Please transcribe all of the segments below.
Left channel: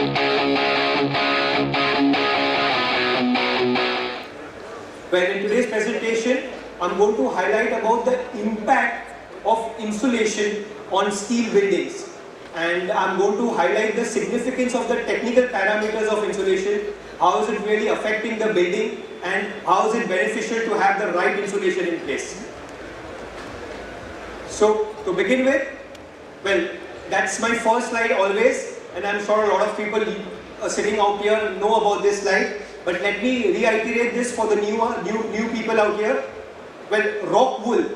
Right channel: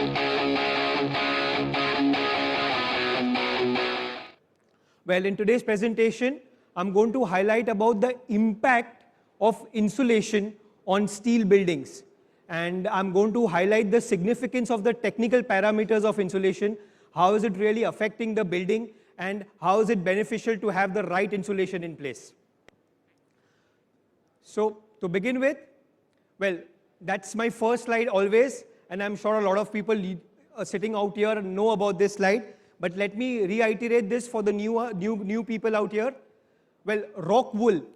Well, in today's presentation, I'm going to highlight about the impact of insulation on steel buildings. And I'm going to highlight the significance of the technical parameters of insulation, how is it really affecting the building, and how is it beneficial to have the right insulation in place. So, to begin with, well, that's my first slide always, and I'm sure a lot of people sitting out here know about this slide. But let me reiterate this for the new people out here. Well, Rockwool,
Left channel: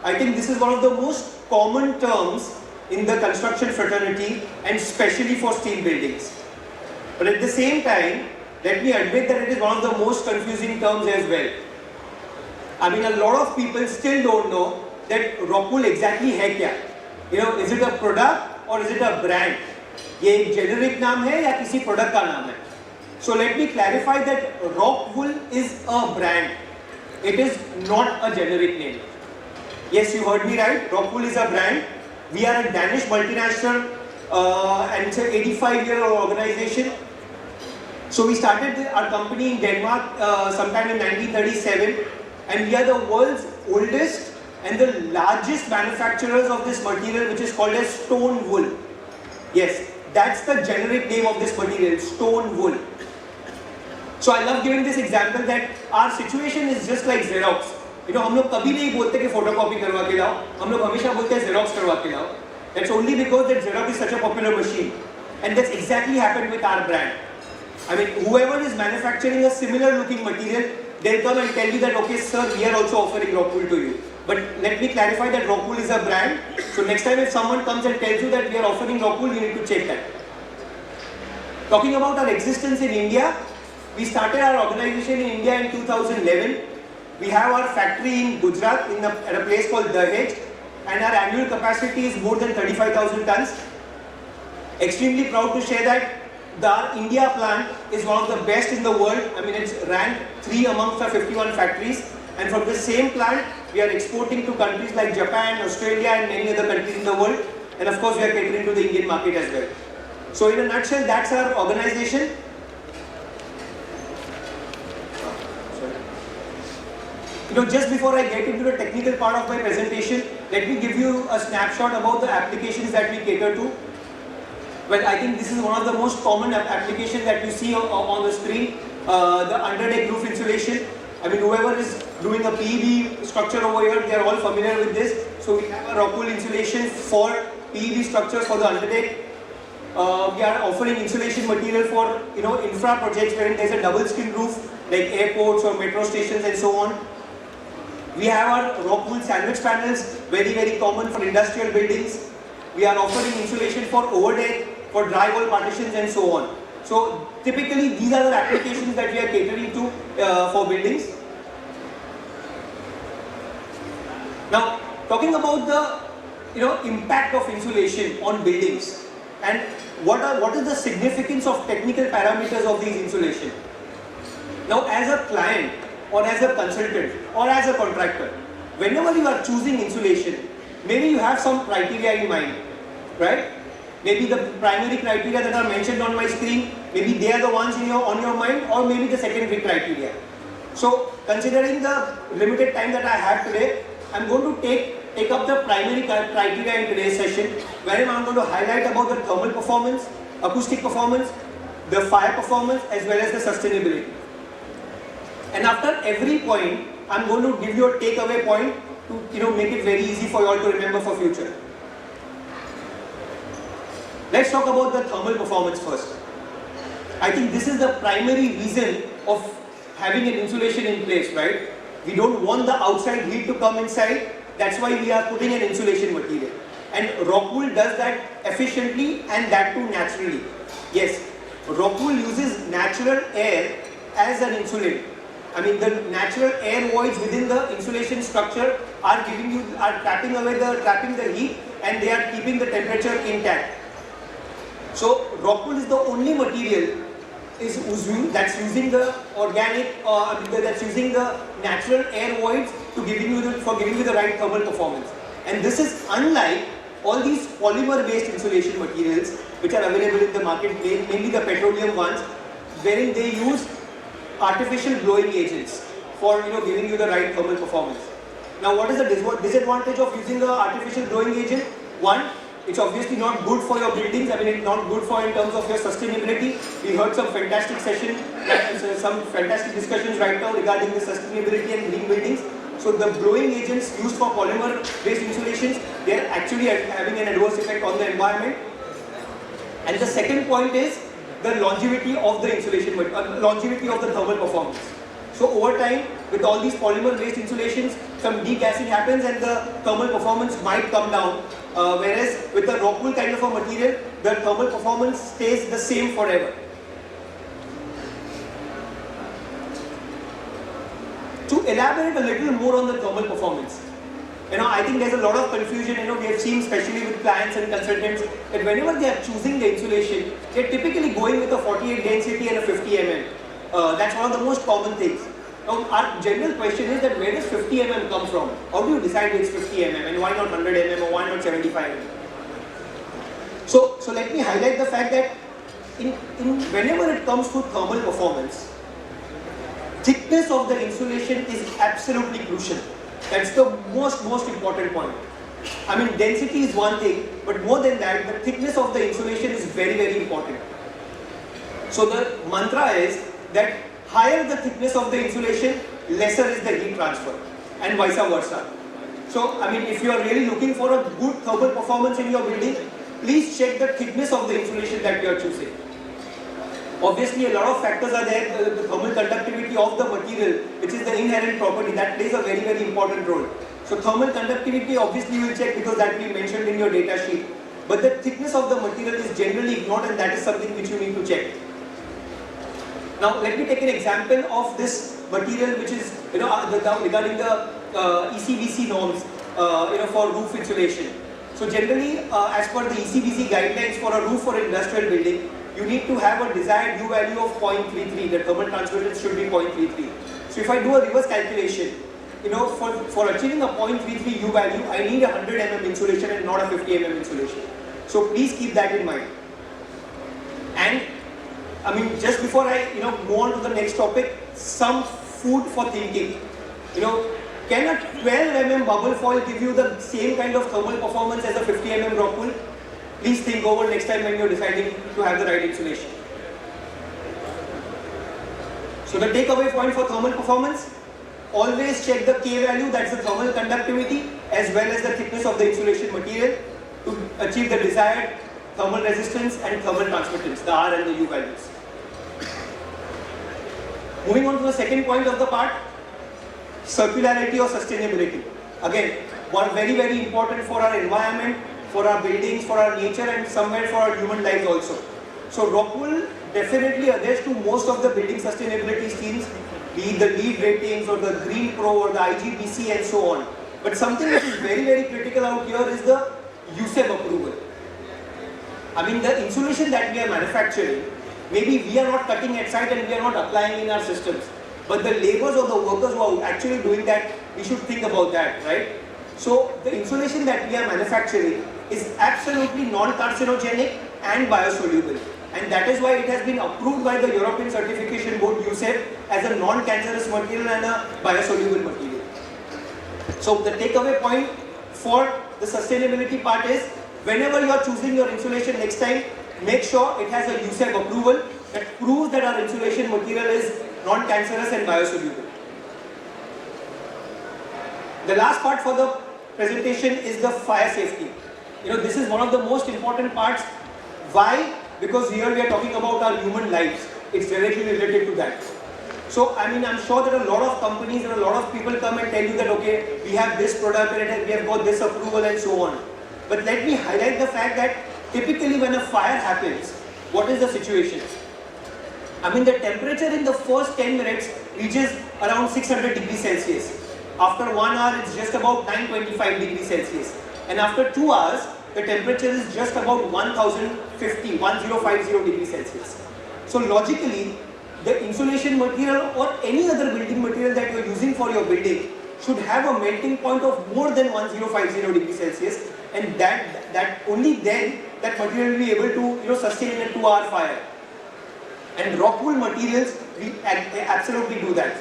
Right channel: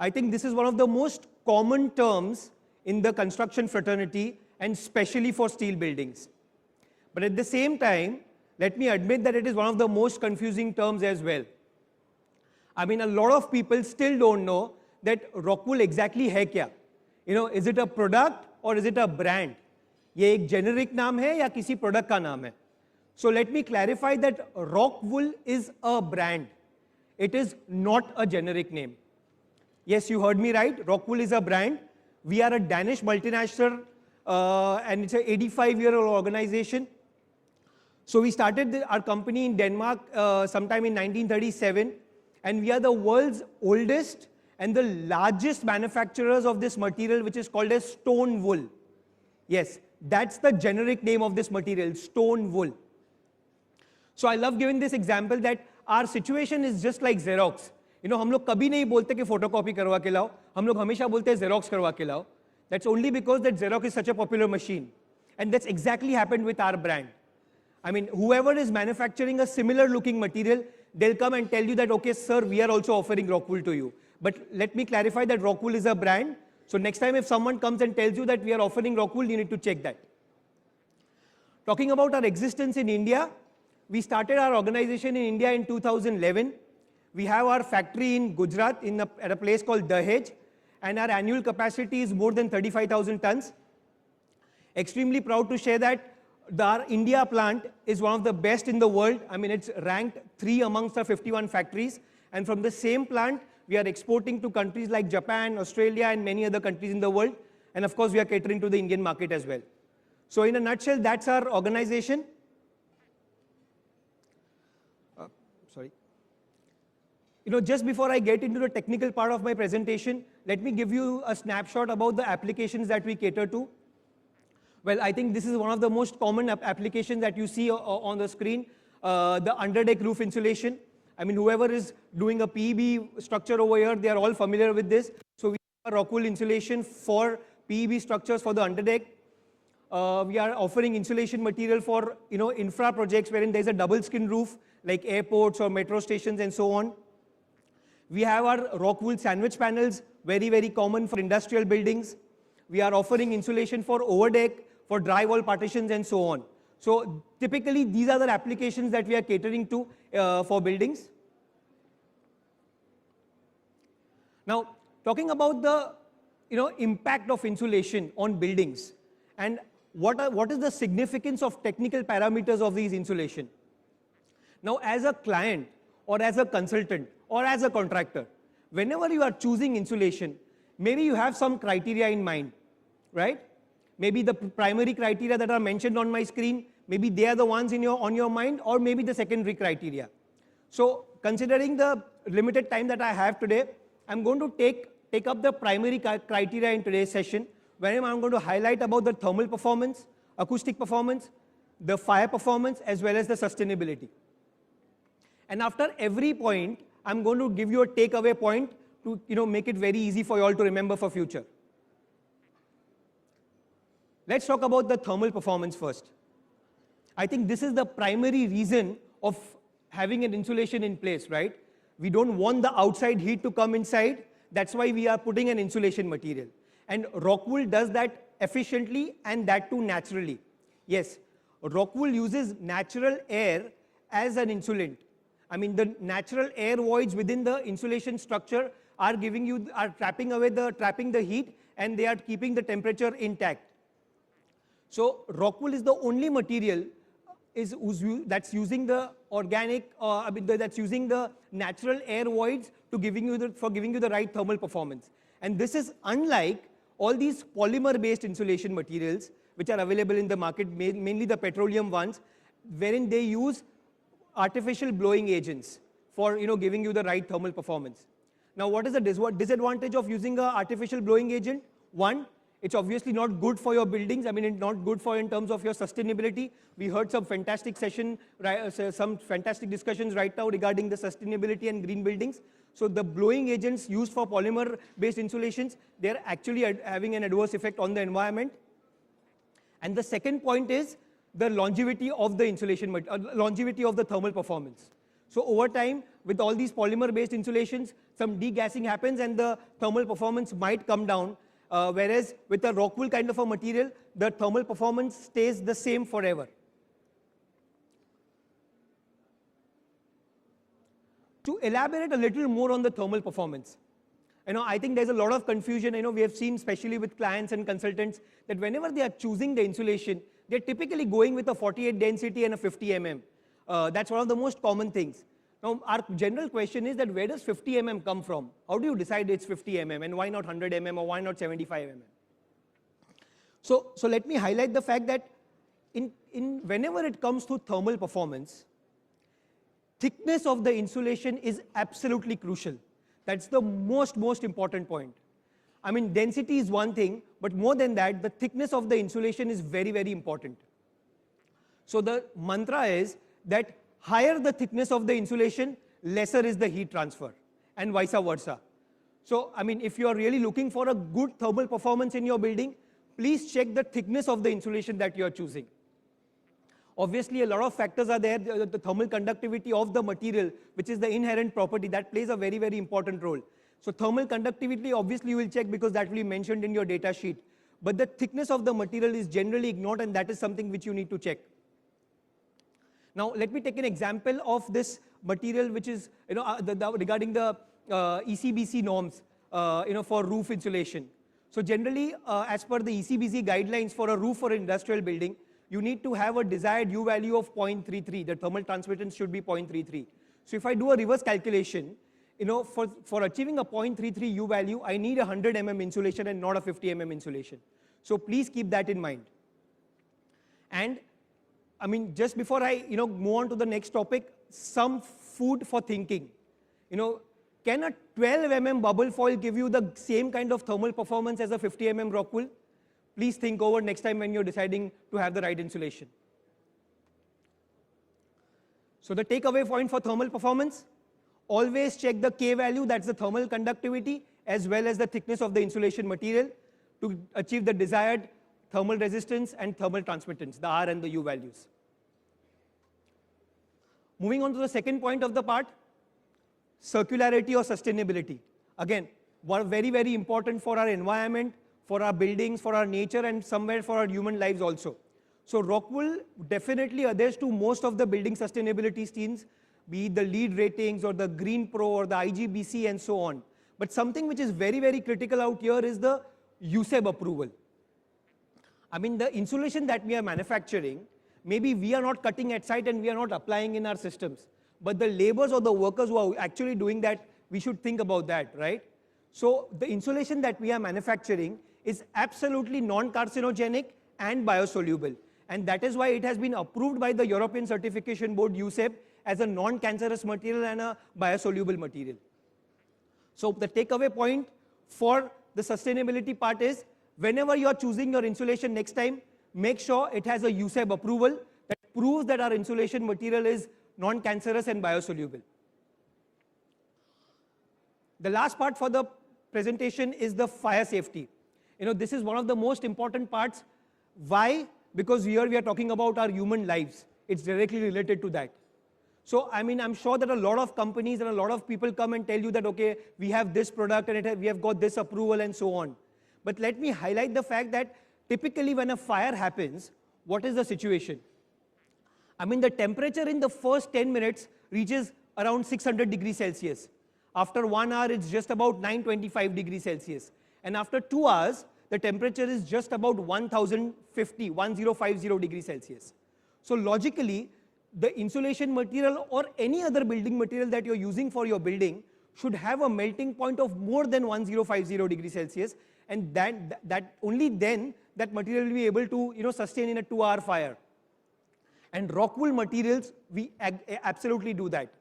I think this is one of the most common terms in the construction fraternity and especially for steel buildings. But at the same time, let me admit that it is one of the most confusing terms as well. I mean, a lot of people still don't know that Rockwool exactly है क्या? You know, is it a product or is it a brand? ये एक generic नाम है या किसी product का नाम है? So let me clarify that Rockwool is a brand. It is not a generic name. Yes, you heard me right. Rockwool is a brand. We are a Danish multinational and it's an 85-year-old organization. So we started our company in Denmark sometime in 1937, and we are the world's oldest and the largest manufacturers of this material, which is called as stone wool. Yes, that's the generic name of this material, stone wool. So I love giving this example that our situation is just like Xerox. You know, हम लोग कभी नहीं बोलते कि photocopy करवा के लाओ, हम लोग हमेशा बोलते हैं Xerox करवा के लाओ. It's only because that Xerox is such a popular machine, and that's exactly happened with our brand. I mean, whoever is manufacturing a similar looking material, they'll come and tell you that, okay, sir, we are also offering Rockwool to you. But let me clarify that Rockwool is a brand. So next time if someone comes and tells you that we are offering Rockwool, you need to check that. Talking about our existence in India, we started our organization in India in 2011. We have our factory in Gujarat at a place called Dahej, and our annual capacity is more than 35,000 tons. Extremely proud to share that the India plant is one of the best in the world. I mean, it's ranked 3 amongst our 51 factories. And from the same plant, we are exporting to countries like Japan, Australia, and many other countries in the world. And of course, we are catering to the Indian market as well. So in a nutshell, that's our organization. You know, just before I get into the technical part of my presentation, let me give you a snapshot about the applications that we cater to. Well, I think this is one of the most common applications that you see on the screen, the underdeck roof insulation. I mean, whoever is doing a PEB structure over here, they are all familiar with this. So we have a Rockwool insulation for PEB structures for the underdeck. We are offering insulation material for, you know, infra projects where there is a double skin roof, like airports or metro stations and so on. We have our Rockwool sandwich panels, very common for industrial buildings. We are offering insulation for overdeck, for drywall partitions and so on. So typically these are the applications that we are catering to for buildings. Now talking about the impact of insulation on buildings and what is the significance of technical parameters of these insulation. Now as a client or as a consultant or as a contractor, whenever you are choosing insulation, maybe you have some criteria in mind, right? Maybe the primary criteria that are mentioned on my screen, maybe they are the ones on your mind, or maybe the secondary criteria. So, considering the limited time that I have today, I am going to take up the primary criteria in today's session, wherein I am going to highlight about the thermal performance, acoustic performance, the fire performance, as well as the sustainability. And after every point, I am going to give you a takeaway point to make it very easy for you all to remember for future. Let's talk about the thermal performance first. I think this is the primary reason of having an insulation in place, right? We don't want the outside heat to come inside. That's why we are putting an insulation material. And Rockwool does that efficiently and that too naturally. Yes, Rockwool uses natural air as an insulator. I mean, the natural air voids within the insulation structure are trapping the heat, and they are keeping the temperature intact. So Rockwool is the only material that's using the organic that's using the natural air voids to give you the right thermal performance. And this is unlike all these polymer based insulation materials which are available in the market, mainly the petroleum ones, wherein they use artificial blowing agents for giving you the right thermal performance. Now, what is the disadvantage of using an artificial blowing agent? One, it's obviously not good for your buildings. I mean, it's not good for in terms of your sustainability. We heard some fantastic discussions right now regarding the sustainability and green buildings. So the blowing agents used for polymer-based insulations, they are actually having an adverse effect on the environment. And the second point is the longevity of the insulation, longevity of the thermal performance. So over time, with all these polymer-based insulations, some degassing happens and the thermal performance might come down. Whereas with a Rockwool kind of a material, the thermal performance stays the same forever. To elaborate a little more on the thermal performance, I think there's a lot of confusion. We have seen, especially with clients and consultants, that whenever they are choosing the insulation, they're typically going with a 48 density and a 50 mm. That's one of the most common things. Now, our general question is that where does 50 mm come from? How do you decide it's 50 mm and why not 100 mm or why not 75 mm? So let me highlight the fact that whenever it comes to thermal performance, thickness of the insulation is absolutely crucial. That's the most important point. I mean, density is one thing, but more than that, the thickness of the insulation is very important. So the mantra is that higher the thickness of the insulation, lesser is the heat transfer, and vice versa. So, I mean, if you are really looking for a good thermal performance in your building, please check the thickness of the insulation that you are choosing. Obviously, a lot of factors are there. The thermal conductivity of the material, which is the inherent property, that plays a very important role. So, thermal conductivity, obviously, you will check because that will be mentioned in your data sheet. But the thickness of the material is generally ignored, and that is something which you need to check. Now, let me take an example of this material, which is regarding the ECBC norms for roof insulation. So, generally, as per the ECBC guidelines for a roof or industrial building, you need to have a desired U value of 0.33. The thermal transference should be 0.33. So, if I do a reverse calculation, for achieving a 0.33 U value, I need a 100 mm insulation and not a 50 mm insulation. So, please keep that in mind. And I mean, just before I move on to the next topic, some food for thinking. Can a 12 mm bubble foil give you the same kind of thermal performance as a 50 mm Rockwool? Please think over next time when you are deciding to have the right insulation. So the takeaway point for thermal performance, always check the K value, that's the thermal conductivity, as well as the thickness of the insulation material to achieve the desired thermal resistance and thermal transmittance, the R and the U values. Moving on to the second point of the part, circularity or sustainability. Again, very important for our environment, for our buildings, for our nature, and somewhere for our human lives also. So Rockwool definitely adheres to most of the building sustainability schemes, be the LEED ratings or the Green Pro or the IGBC and so on. But something which is very critical out here is the USEB approval. I mean, the insulation that we are manufacturing, maybe we are not cutting at site and we are not applying in our systems. But the laborers or the workers who are actually doing that, we should think about that, right? So the insulation that we are manufacturing is absolutely non-carcinogenic and biosoluble. And that is why it has been approved by the European Certification Board, USEB, as a non-cancerous material and a biosoluble material. So the takeaway point for the sustainability part is, whenever you are choosing your insulation next time, make sure it has a USEB approval that proves that our insulation material is non-cancerous and biosoluble. The last part for the presentation is the fire safety. This is one of the most important parts. Why? Because here we are talking about our human lives. It's directly related to that. So, I mean, I'm sure there are a lot of companies and a lot of people come and tell you that, okay, we have this product and we have got this approval and so on. But let me highlight the fact that typically when a fire happens, what is the situation? I mean, the temperature in the first 10 minutes reaches around 600 degrees Celsius. After 1 hour, it's just about 925 degrees Celsius. And after 2 hours, the temperature is just about 1050 degrees Celsius. So logically, the insulation material or any other building material that you are using for your building should have a melting point of more than 1050 degrees Celsius, and that only then that material will be able to sustain in a 2-hour fire. And Rockwool materials will absolutely do that.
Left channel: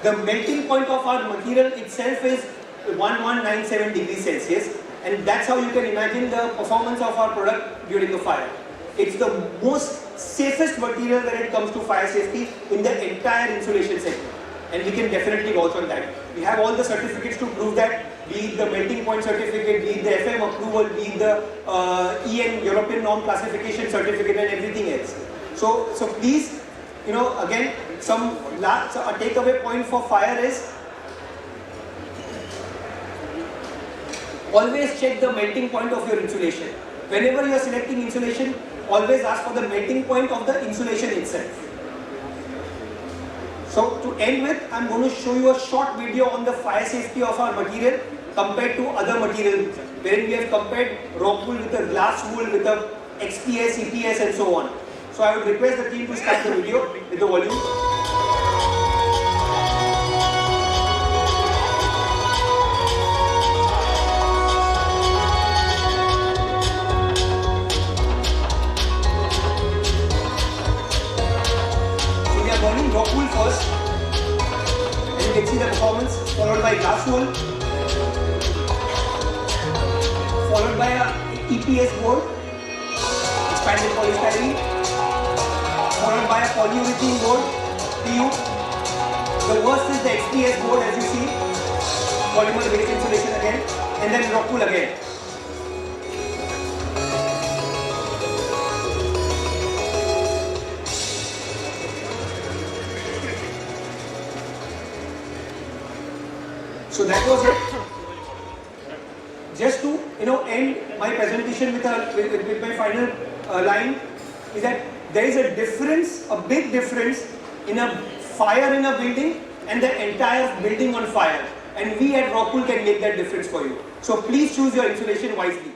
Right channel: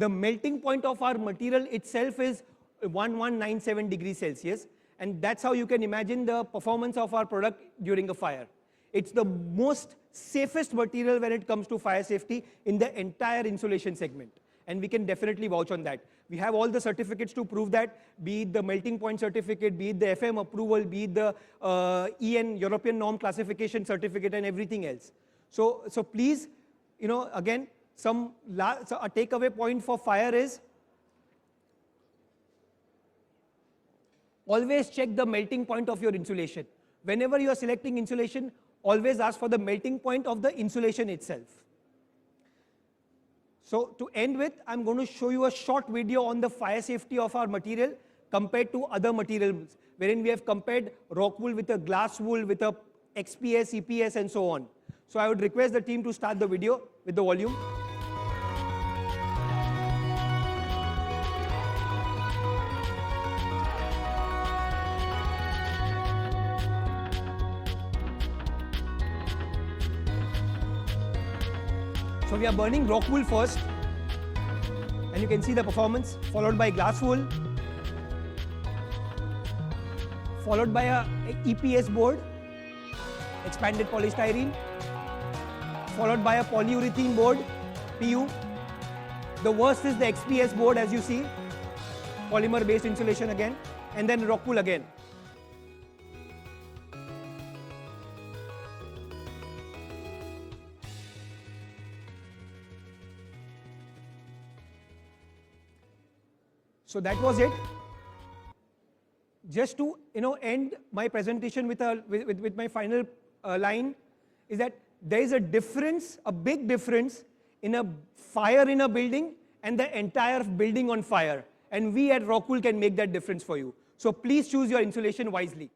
The melting point of our material itself is 1197 degrees Celsius, and that's how you can imagine the performance of our product during the fire. It's the most safest material when it comes to fire safety in the entire insulation sector, and we can definitely work on that. We have all the certificates to prove that, be it the melting point certificate, be it the FM approval, be it the EN European norm classification certificate, and everything else. So please, again, a takeaway point for fire is always check the melting point of your insulation. Whenever you are selecting insulation, always ask for the melting point of the insulation itself. So to end with, I am going to show you a short video on the fire safety of our material compared to other materials, wherein we have compared Rockwool with the glass wool, with the XPS, ETS and so on. So I would request the team to start the video with the volume. So we are burning Rockwool first, and you can see the performance, followed by glass wool, followed by a EPS board, expanded polystyrene, followed by a polyurethane board, PU. The worst is the XPS board, as you see, polymer based insulation again, and then Rockwool again. So that was it. Just to end my presentation with my final line is that there is a difference, a big difference in a fire in a building and the entire building on fire. And we at Rockwool can make that difference for you. So please choose your insulation wisely.